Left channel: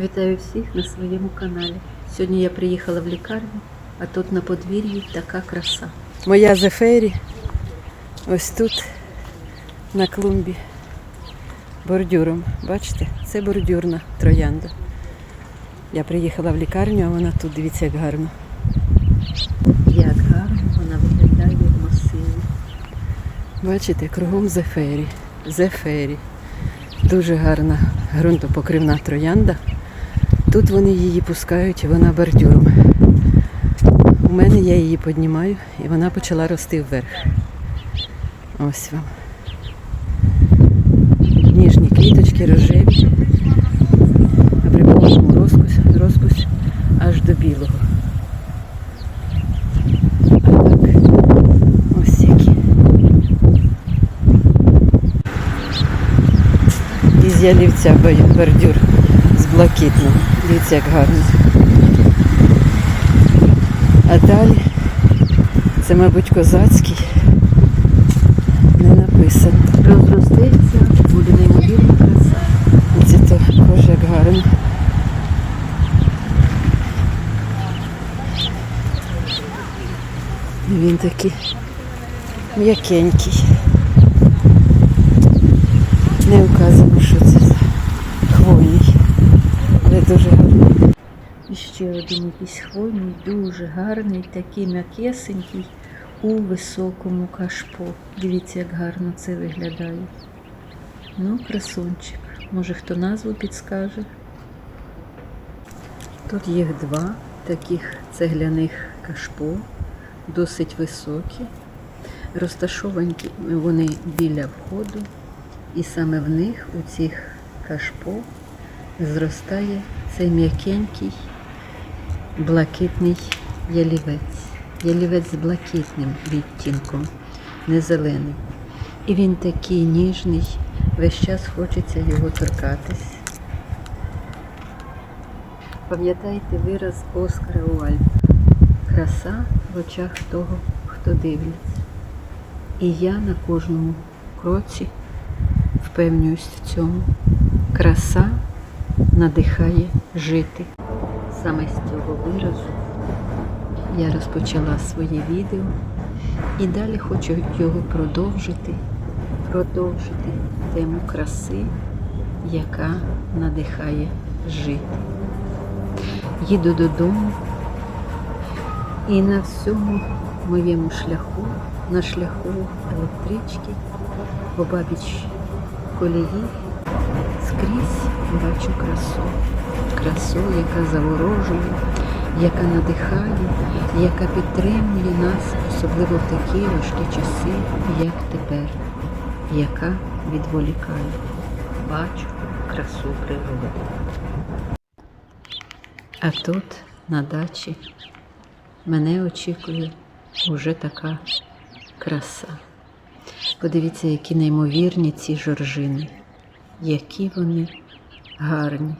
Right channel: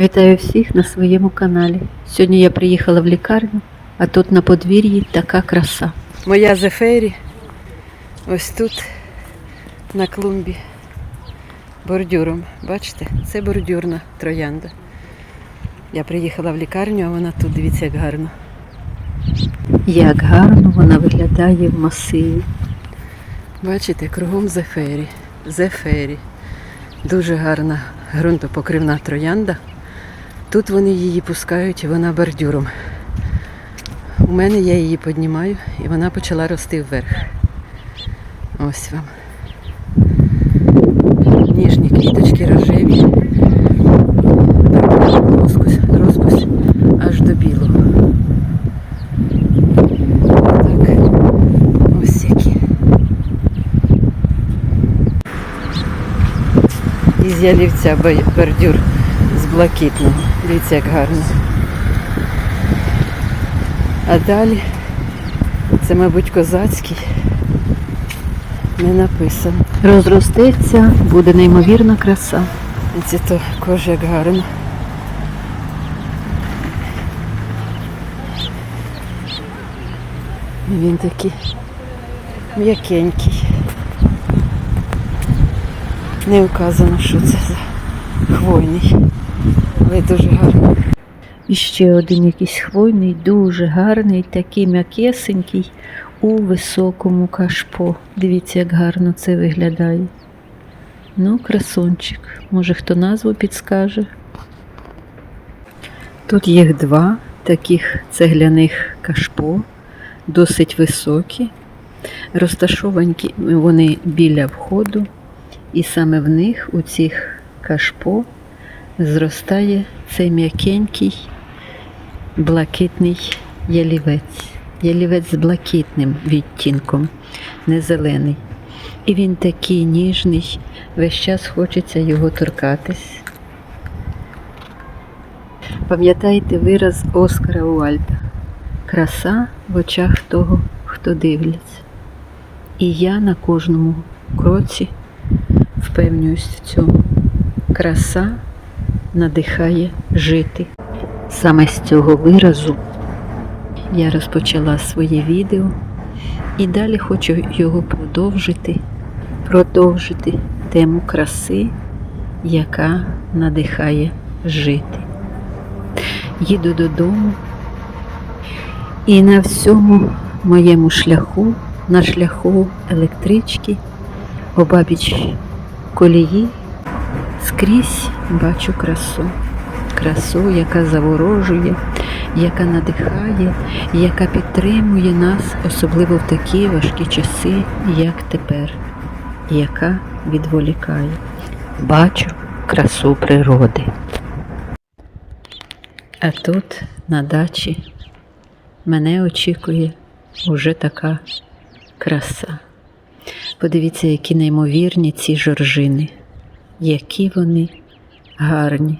Вітаю всіх на своєму каналі. Сьогодні я приїхала в лікарню, а тут на подвір'ї така краса. Моя Зефері ось тут на клумбі бордюром. Бачите, це бордюрна троянда. Я приїхала в лікарню, а вона тут, дивіться, як гарно. Як гарно вона виглядає в масиві. Бачите, кругом Зефері. Зефері. Дуже гарна ґрунтопокривна троянда. Тут вони її пускають, вона бордюром. У мене я її піднімаю і вона почала рости вверх. Ось вам. Ніжні квіточки рожеві. Розпуск, розпуск аж до білого. Так. Ось які. Із ялівця бо- бордюр з блакитного. Дивіться, як гарно. А далі це, мабуть, козацький. Не написано. Розростеться, буде неймовірна краса. Це то кожа як гарно. Він такий м'якенький. Не вказано, що це хвойний, але дуже гарний. І ще один якийсь хвойний, дуже гарний, такий м'якесенький у високому кашпо. Дивіться, як гарно це виглядає. Ну, красунчик. Може хто назву підскаже? Тут їх два таких цегляних кашпо, досить високі. Розташовані вони біля входу, і саме в них, у цих кашпо, зростає цей м'якенький блакитний ялівець. Ялівець з блакитним відтінком, не зелений. І він такий ніжний, весь час хочеться його торкатись. Пам'ятайте вираз Оскара Уальда. Краса в очах того, хто дивляться. І я на кожному кроці впевнююсь в цьому. Краса надихає жити. Саме з цього виразу я розпочала своє відео і далі хочу його продовжити, продовжити тему краси, яка надихає жити. Їду додому і на всьому моєму шляху, на шляху електрички, обабіч колії, скрізь бачу красу. Красу, яка заворожує, яка надихає, яка підтримує нас, особливо в такі важкі часи, як тепер, яка відволікає. Бачу красу природи. А тут, на дачі, мене очікує уже така краса. Подивіться, які неймовірні ці жоржини, які вони гарні,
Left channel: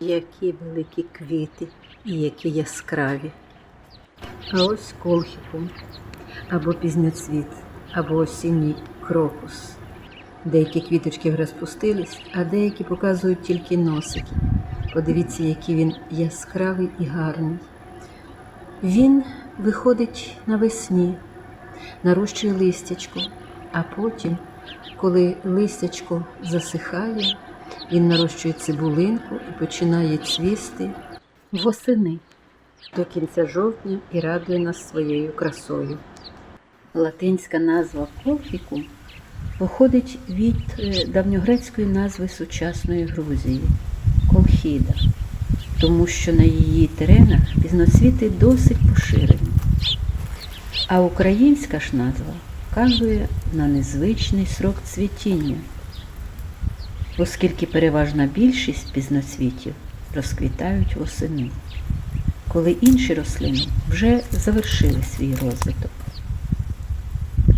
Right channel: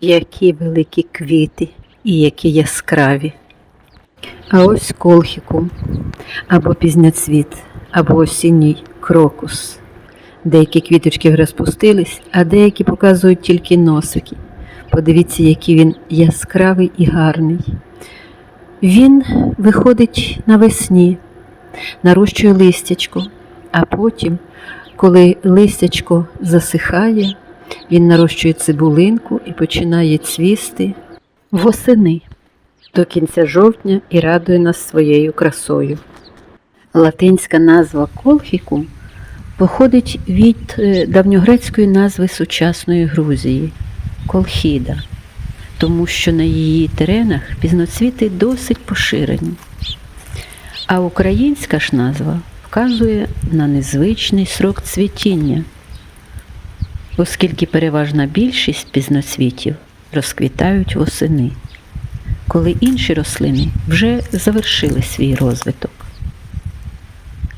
які великі квіти і які яскраві. А ось колхікум, або пізняцвіт, або осінній крокус. Деякі квіточки розпустились, а деякі показують тільки носики. Подивіться, який він яскравий і гарний. Він виходить навесні, нарощує листячко, а потім, коли листячко засихає, він нарощує цибулинку і починає цвісти восени до кінця жовтня і радує нас своєю красою. Латинська назва колхікум походить від е, давньогрецької назви сучасної Грузії колхіда, тому що на її теренах пізноцвіти досить поширені. А українська ж назва вказує на незвичний срок цвітіння, оскільки переважна більшість пізноцвітів розквітають восени, коли інші рослини вже завершили свій розвиток.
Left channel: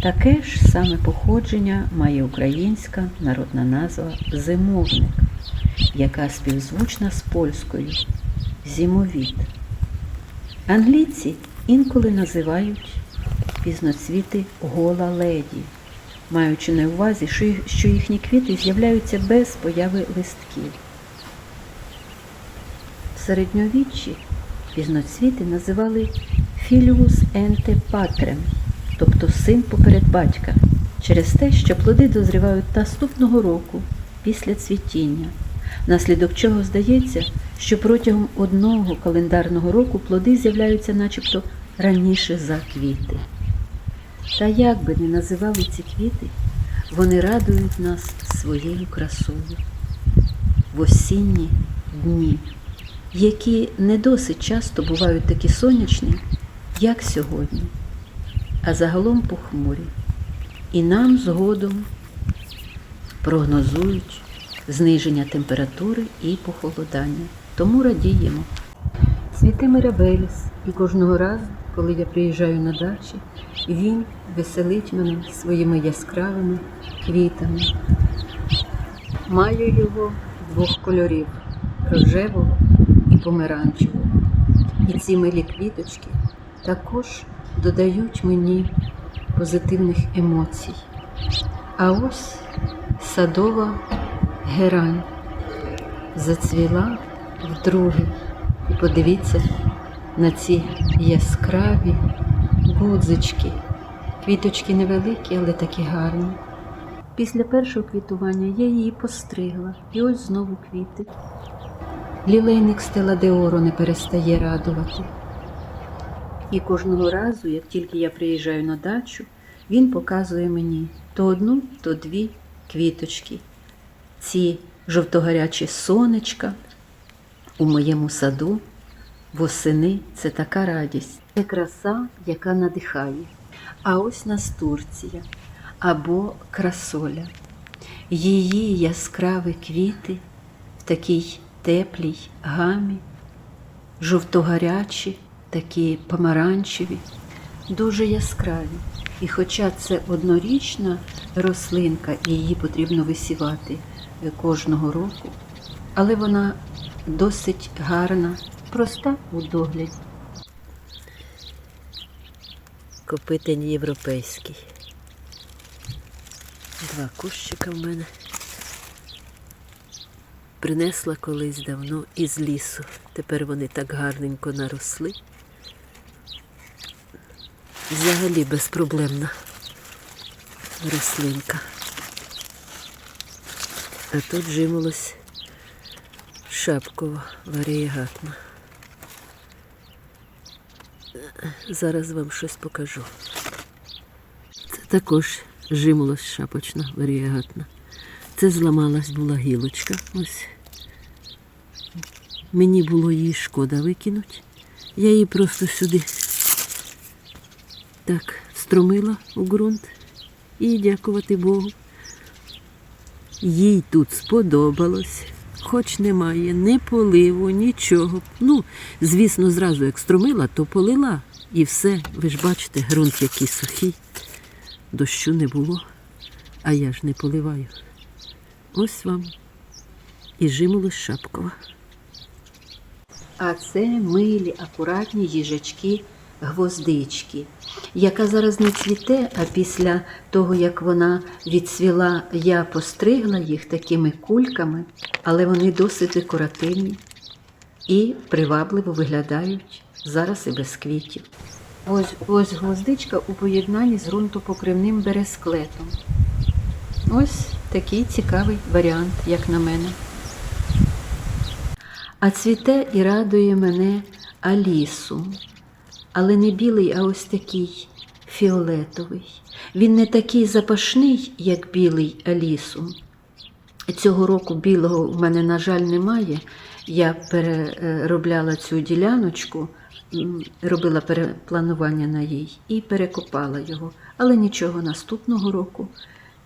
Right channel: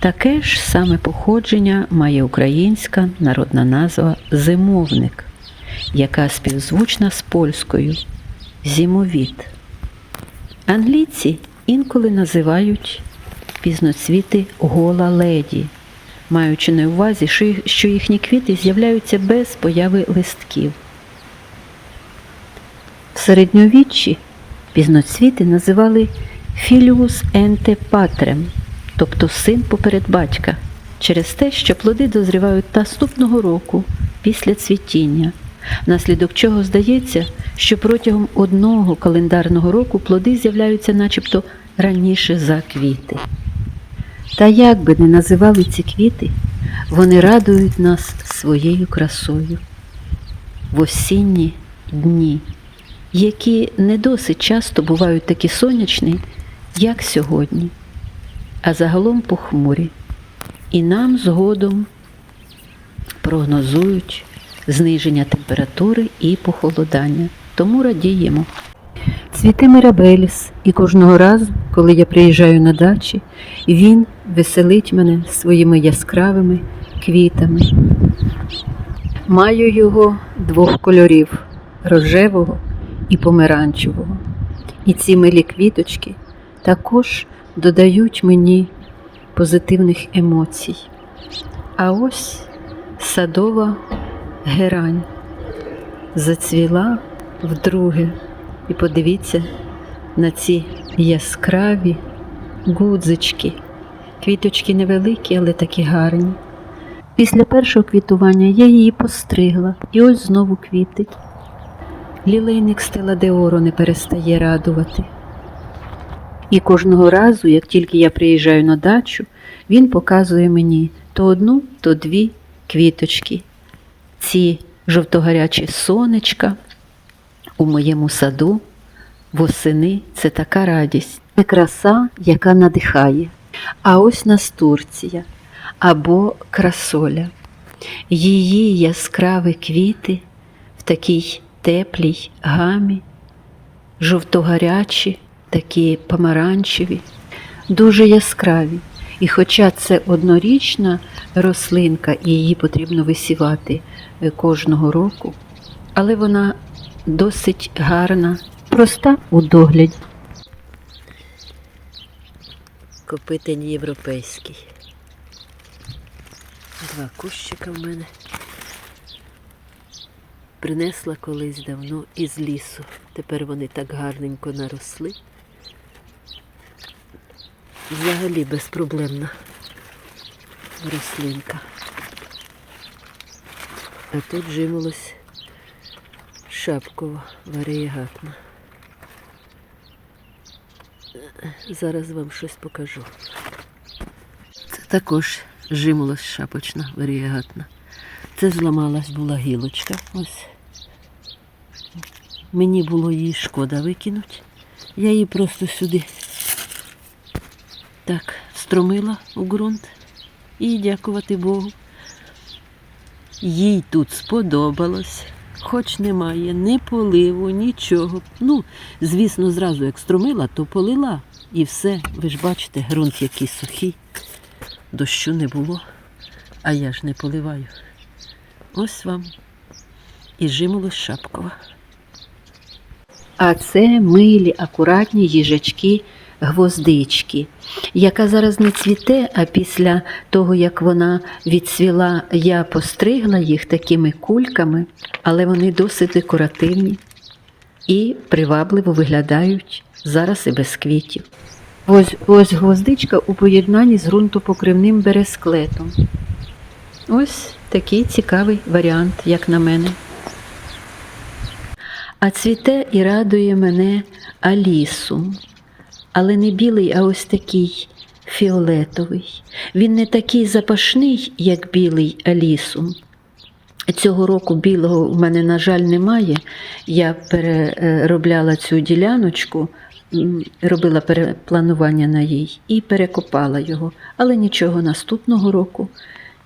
Таке ж саме походження має українська народна назва зимовник, яка співзвучна з польською зімовіт. Англійці інколи називають пізноцвіти гола леді, маючи на увазі, що їхні квіти з'являються без появи листків. В середньовіччі пізноцвіти називали філіус енте патрем, тобто син поперед батька, через те, що плоди дозрівають наступного року після цвітіння, внаслідок чого здається, що протягом одного календарного року плоди з'являються начебто раніше за квіти. Та як би не називали ці квіти, вони радують нас своєю красою в осінні дні, які не досить часто бувають такі сонячні, як сьогодні, а загалом похмурі. І нам згодом прогнозують зниження температури і похолодання. Тому радіємо. Цвіте Мирабеліс, і кожного разу, коли я приїжджаю на дачі, він веселить мене своїми яскравими квітами. Маю його двох кольорів рожевого і помаранчевого. І ці милі квіточки також додають мені позитивних емоцій. А ось садова герань зацвіла вдруге. І подивіться на ці яскраві гудзички. Квіточки невеликі, але такі гарні. Після першого квітування я її постригла, і ось знову квіти. Лілейник стела Деоро не перестає радувати. І кожного разу, як тільки я приїжджаю на дачу, він показує мені то одну, то дві квіточки. Ці жовтогарячі сонечка у моєму саду восени це така радість, це краса, яка надихає. А ось настурція або красоля. Її яскраві квіти в такій теплій гамі, жовтогарячі, такі помаранчеві, дуже яскраві. І хоча це однорічна рослинка, і її потрібно висівати е, кожного року, але вона досить гарна, проста у догляді. Копитень європейський. Два кущика в мене. Принесла колись давно із лісу. Тепер вони так гарненько наросли. Взагалі безпроблемна рослинка. А тут жимолось шапкова варієгатна. Зараз вам щось покажу. Це також жимолось шапочна варієгатна. Це зламалась була гілочка. Ось. Мені було її шкода викинути. Я її просто сюди так стромила у ґрунт і дякувати Богу. Їй тут сподобалось, хоч немає ні поливу, нічого. Ну, звісно, зразу як струмила, то полила і все. Ви ж бачите, ґрунт який сухий, дощу не було, а я ж не поливаю. Ось вам і жимолось шапкова. А це милі, акуратні їжачки гвоздички, яка зараз не цвіте, а після того, як вона відцвіла, я постригла їх такими кульками, але вони досить декоративні і привабливо виглядають зараз і без квітів. Ось, ось гвоздичка у поєднанні з ґрунтопокривним бересклетом. Ось такий цікавий варіант, як на мене. А цвіте і радує мене алісум. Але не білий, а ось такий фіолетовий. Він не такий запашний, як білий алісум. Цього року білого в мене, на жаль, немає. Я переробляла цю діляночку, робила перепланування на їй і перекопала його. Але нічого, наступного року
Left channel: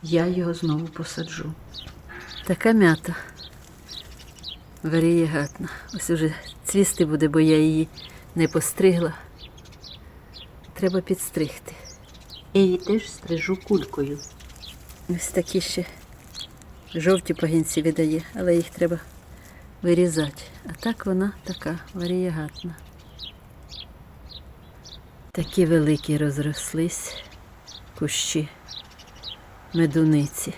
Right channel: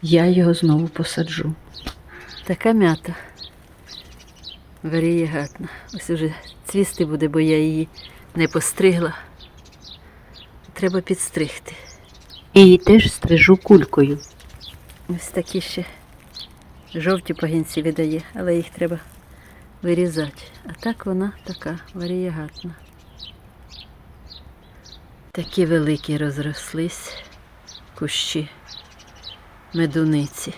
я його знову посаджу. Така м'ята. Варієгатна. Ось уже цвісти буде, бо я її не постригла. Треба підстригти. І її теж стрижу кулькою. Ось такі ще жовті пагінці видає, але їх треба вирізати. А так вона така варієгатна. Такі великі розрослись кущі медуниці.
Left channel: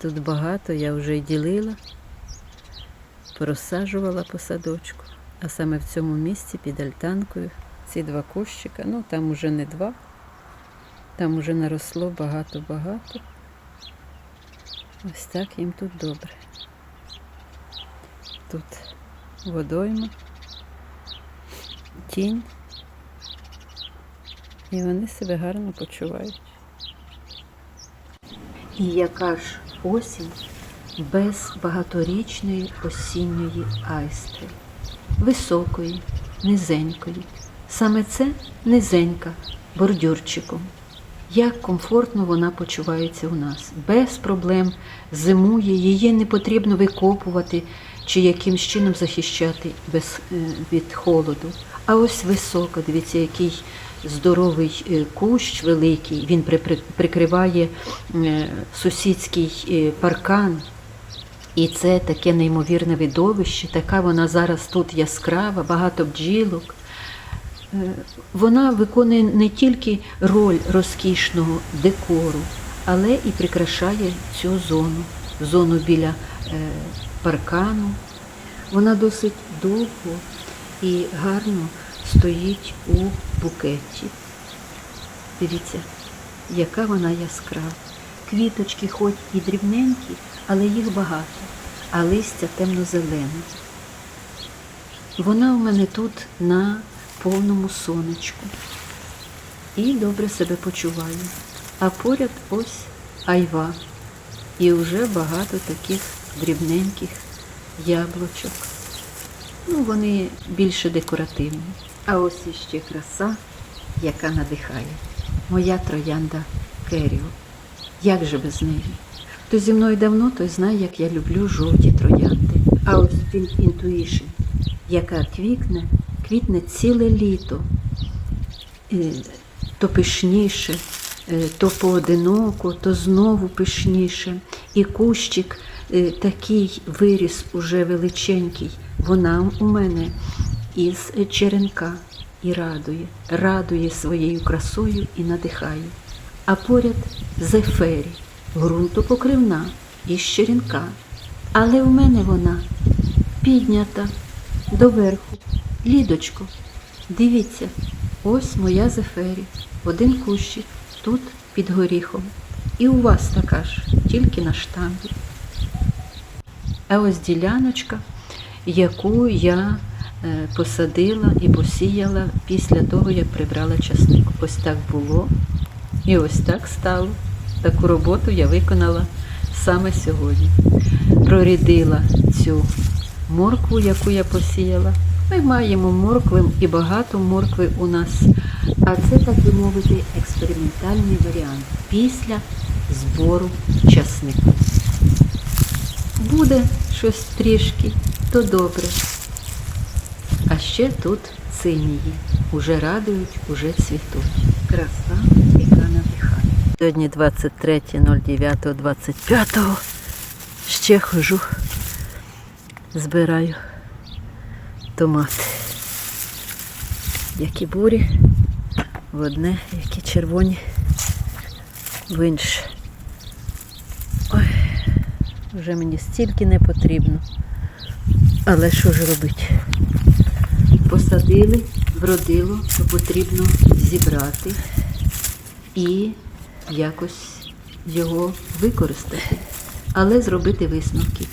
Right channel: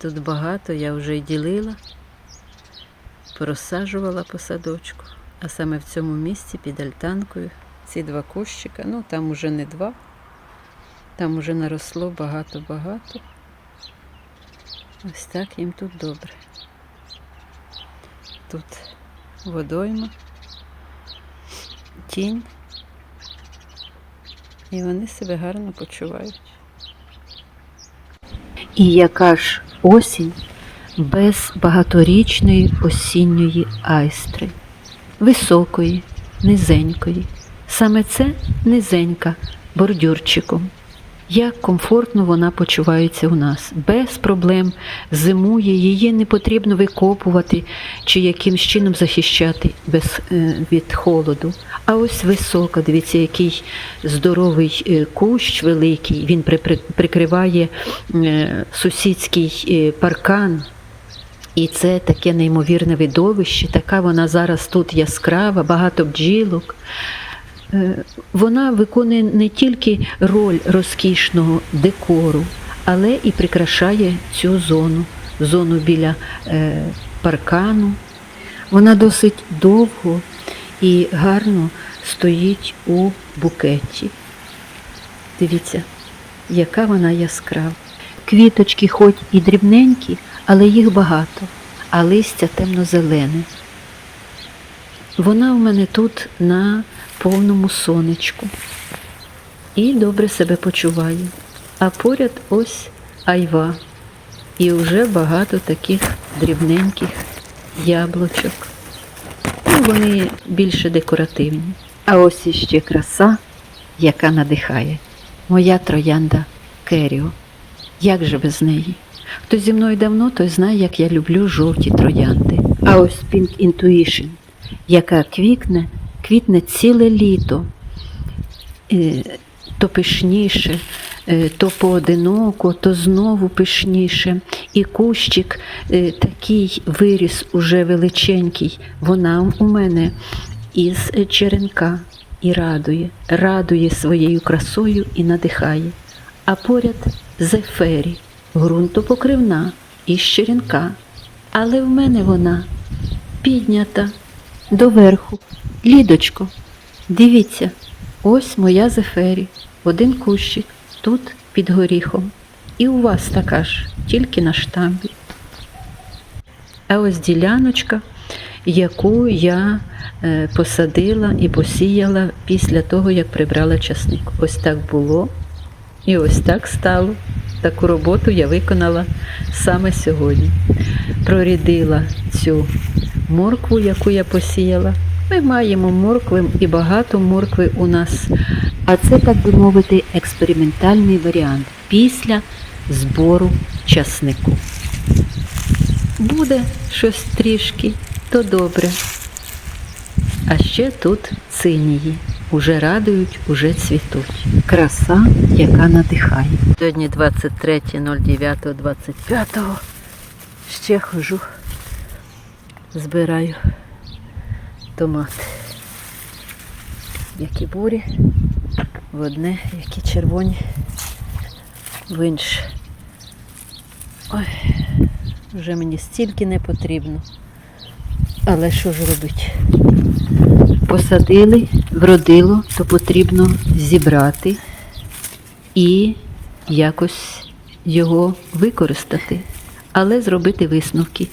Тут багато, я вже й ділила. порозсаджувала по садочку. А саме в цьому місці під альтанкою ці два кущика, ну там уже не два, там уже наросло багато-багато. Ось так їм тут добре. Тут водойма, тінь, і вони себе гарно почувають. І яка ж осінь без багаторічної осінньої айстри, високої, низенької. Саме це низенька бордюрчиком. Як комфортно вона почувається у нас, без проблем зимує, її не потрібно викопувати чи якимсь чином захищати без, е, від холоду. А ось висока, дивіться, який здоровий е, кущ великий, він при- при- прикриває е, сусідський паркан. І це таке неймовірне видовище, така вона зараз тут яскрава, багато бджілок. Е, Вона виконує не тільки роль розкішного декору, але і прикрашає цю зону, зону біля е, паркану. Вона досить довго і гарно стоїть у букеті. Дивіться, яка вона яскрава. Квіточки хоч і дрібненькі, але їх багато, а листя темно-зелене. Вона у мене тут на повному сонечку і добре себе почуває. А поряд ось айва. І вже багато таких дрібненьких яблучок. Ну, вони більше декоративні. А ось іще краса, яка надихає. Моя троянда Керіо. Як же без неї? Хто зі мною давно, той знає, як я люблю жовті троянди. А ось Pink Intuition, яка квітне, квітне ціле літо. Е, То пишніше, е, то поодиноко, то знову пишніше. І кущик е, такий виріс уже величенький. Вона у мене із черенка і радує, радує своєю красою і надихає. А поряд зефері, ґрунтопокривна із черенка. Але в мене вона піднята доверху. Лідочко, дивіться, ось моя зефері, один кущик, тут під горіхом. І у вас така ж, тільки на штамбі. А ось діляночка, яку я е, посадила і посіяла після того, як прибрала часник. Ось так було і ось так стало. Таку роботу я виконала саме сьогодні. Прорідила цю моркву, яку я посіяла. Ми маємо моркви і багато моркви у нас. А це, так би мовити, експериментальний варіант після збору часнику. Буде щось трішки, то добре. А ще тут цинії. Уже радують, уже цвітуть. Краса, яка надихає. Сьогодні 23.09.25. Ще хожу, збираю томати. Які бурі, в одне, які червоні, в інше. Ой, вже мені стільки не потрібно. Але що ж робити? Посадили, вродило, то потрібно зібрати і якось його використати, але зробити висновки.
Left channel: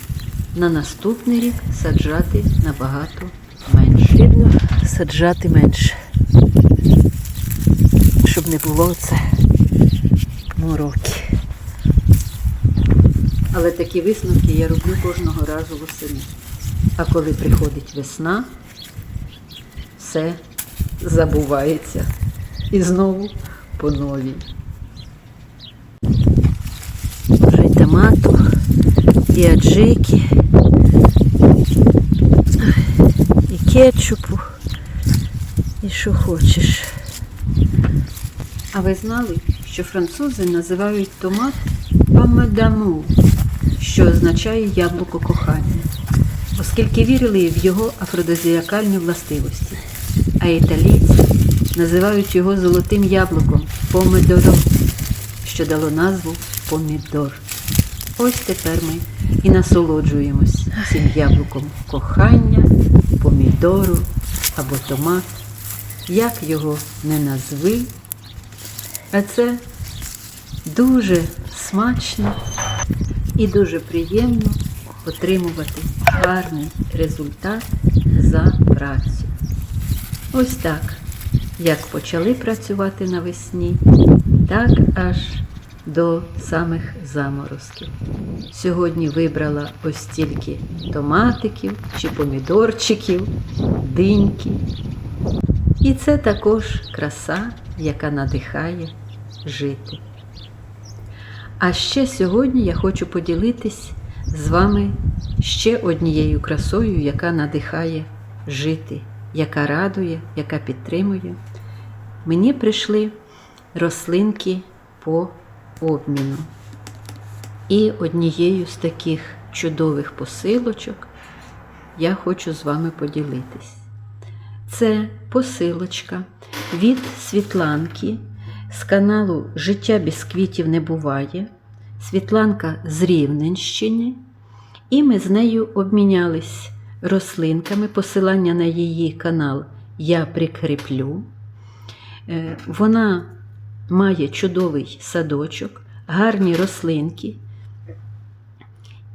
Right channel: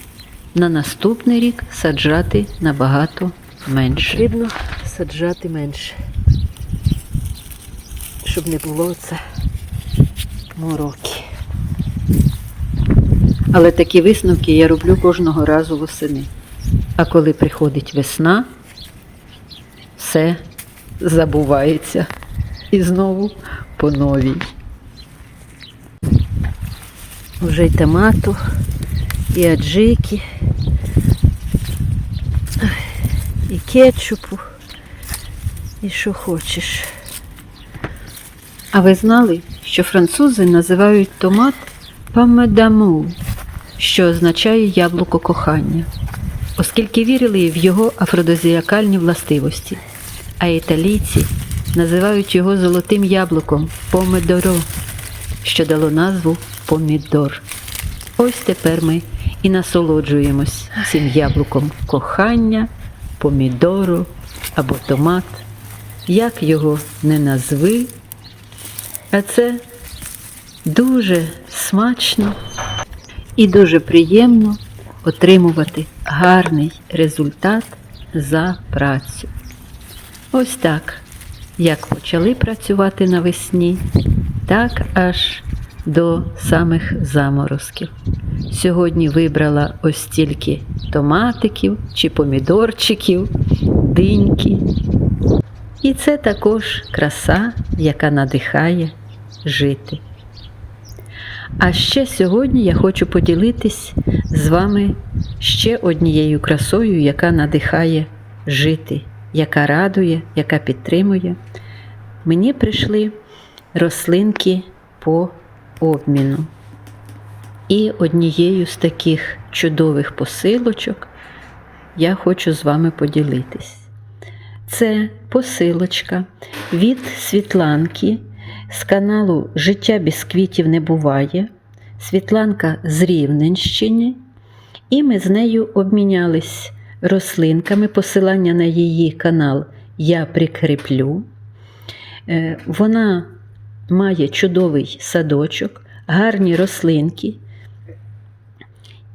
На наступний рік саджати набагато менше. Потрібно саджати менше, щоб не було це мороки. Але такі висновки я роблю кожного разу восени. А коли приходить весна, все забувається. І знову по новій. Вже й томату, і аджики, і кетчупу, і що хочеш. А ви знали, що французи називають томат памедаму, що означає яблуко кохання, оскільки вірили в його афродизіакальні властивості, а італійці називають його золотим яблуком помидоро, що дало назву помідор. Ось тепер ми і насолоджуємось цим яблуком кохання, помідору або томат. Як його не назви, а це дуже смачно і дуже приємно отримувати гарний результат за працю. Ось так, як почали працювати навесні, так аж до самих заморозків. Сьогодні вибрала ось стільки томатиків чи помідорчиків, диньки. І це також краса, яка надихає жити. А ще сьогодні я хочу поділитись з вами ще однією красою, яка надихає жити, яка радує, яка підтримує. Мені прийшли рослинки по обміну. І однією з таких чудових посилочок я хочу з вами поділитись. Це посилочка від Світланки з каналу Життя без квітів не буває. Світланка з Рівненщини, і ми з нею обмінялись рослинками. Посилання на її канал я прикріплю. Е, Вона має чудовий садочок, гарні рослинки.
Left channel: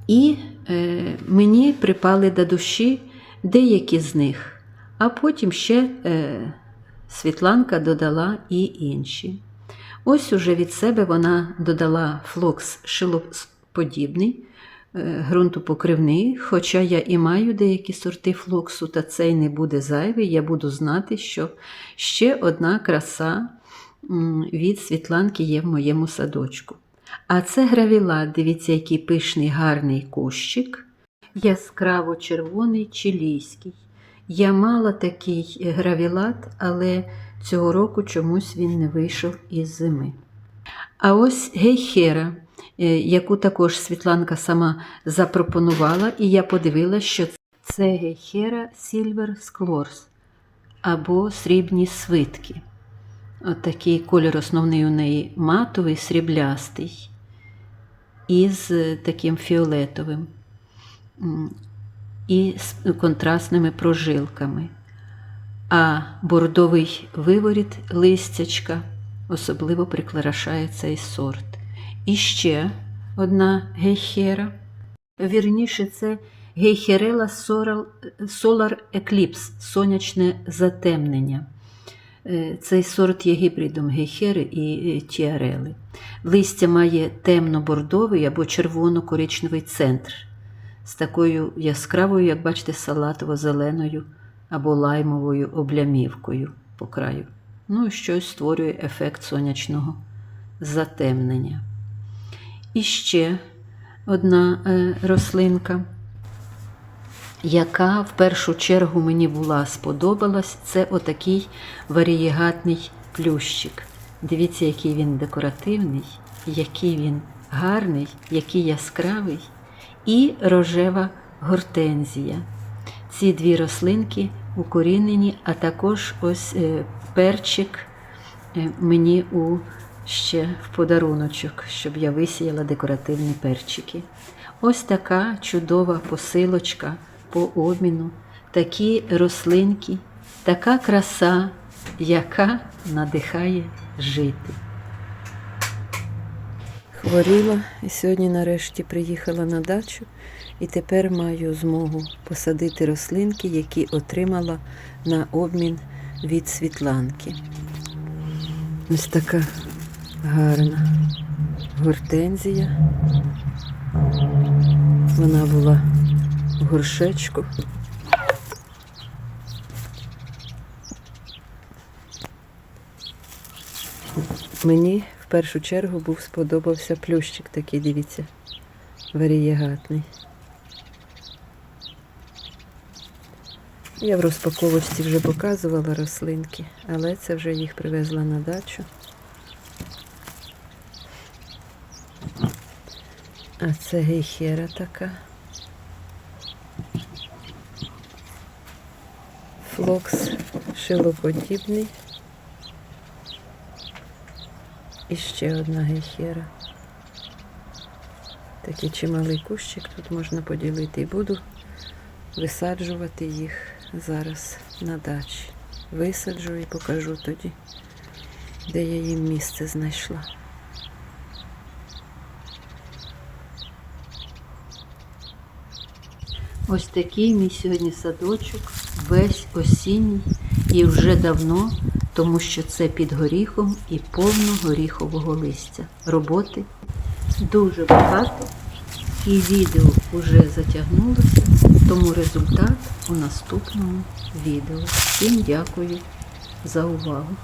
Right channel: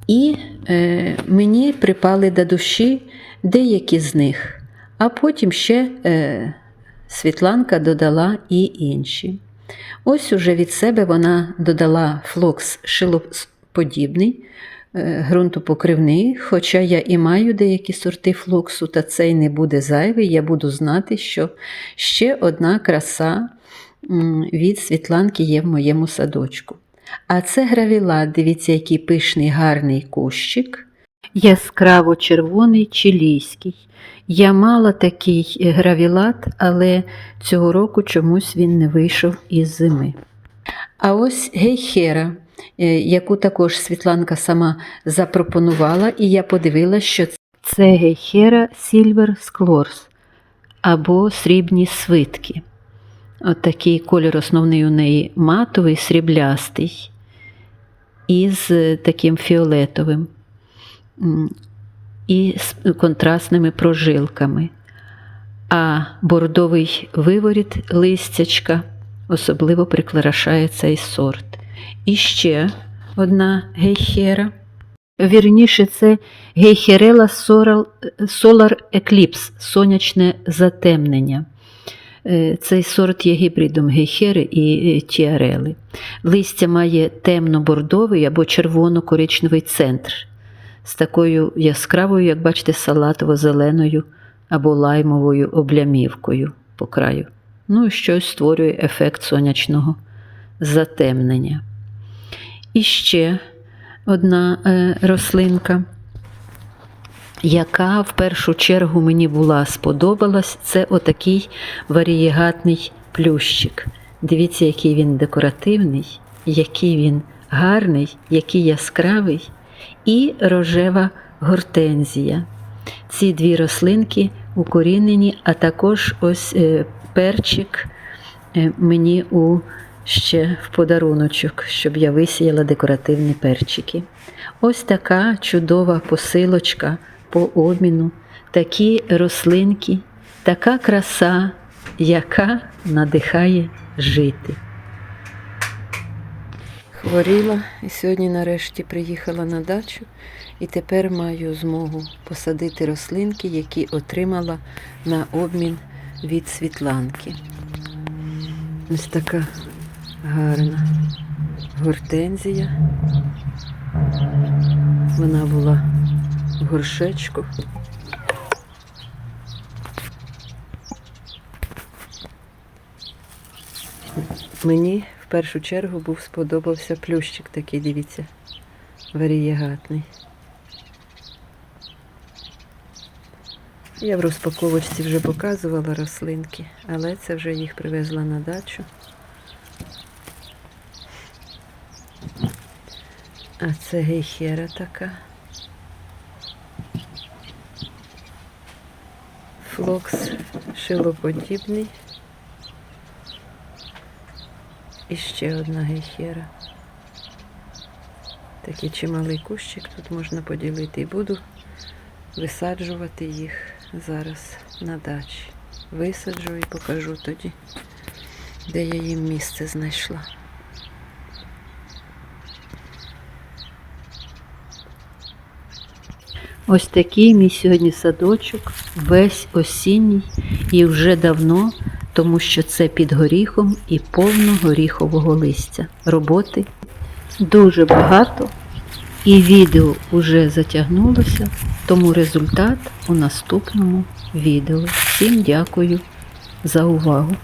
І е, мені припали до душі деякі з них, а потім ще е, Світланка додала і інші. Ось уже від себе вона додала флокс шилоподібний, ґрунтопокривний, хоча я і маю деякі сорти флоксу, та цей не буде зайвий, я буду знати, що ще одна краса від Світланки є в моєму садочку. А це гравілат, дивіться, який пишний гарний кущик. Яскраво червоний чилійський. Я мала такий гравілат, але цього року чомусь він не вийшов із зими. А ось гейхера, е, яку також Світланка сама запропонувала, і я подивилася, що це гейхера Silver Sclors або срібні свитки. От такий кольор основний у неї матовий, сріблястий, із е, таким фіолетовим і з контрастними прожилками. А бордовий виворіт листячка особливо прикрашає цей сорт. І ще одна гейхера. Вірніше, це гейхерела Solar- Eclipse, сонячне затемнення. Е, Цей сорт є гібридом гейхери і е, тіарели. Листя має темно-бордовий або червоно-коричневий центр з такою яскравою, як бачите, салатово-зеленою або лаймовою облямівкою по краю. Ну, щось створює ефект сонячного затемнення. І ще одна е, рослинка, яка в першу чергу мені була сподобалась, це отакий варієгатний плющик. Дивіться, який він декоративний, який він гарний, який яскравий, і рожева гортензія. Ці дві рослинки укорінені, а також ось е, перчик е, мені у ще в подаруночок, щоб я висіяла декоративні перчики. Ось така чудова посилочка по обміну, такі рослинки, така краса, яка надихає жити. Хворіла і сьогодні нарешті приїхала на дачу і тепер маю змогу посадити рослинки, які отримала на обмін від Світланки. Ось така гарна гортензія. Вона була в горшечку. Мені в першу чергу був сподобався плющик такий, дивіться, варієгатний. Я в розпаковочці вже показувала рослинки, але це вже їх привезла на дачу. А це гейхера така. Флокс шилоподібний. І ще одна гейхера. Такий чималий кущик тут можна поділити і буду висаджувати їх зараз на дачі. Висаджу і покажу тоді, де я їм місце знайшла. Ось такий мій сьогодні садочок, весь осінній і вже давно, тому що це під горіхом і повно горіхового листя. Роботи дуже багато, і відео вже затягнулося, тому результат у наступному відео. Всім дякую за увагу.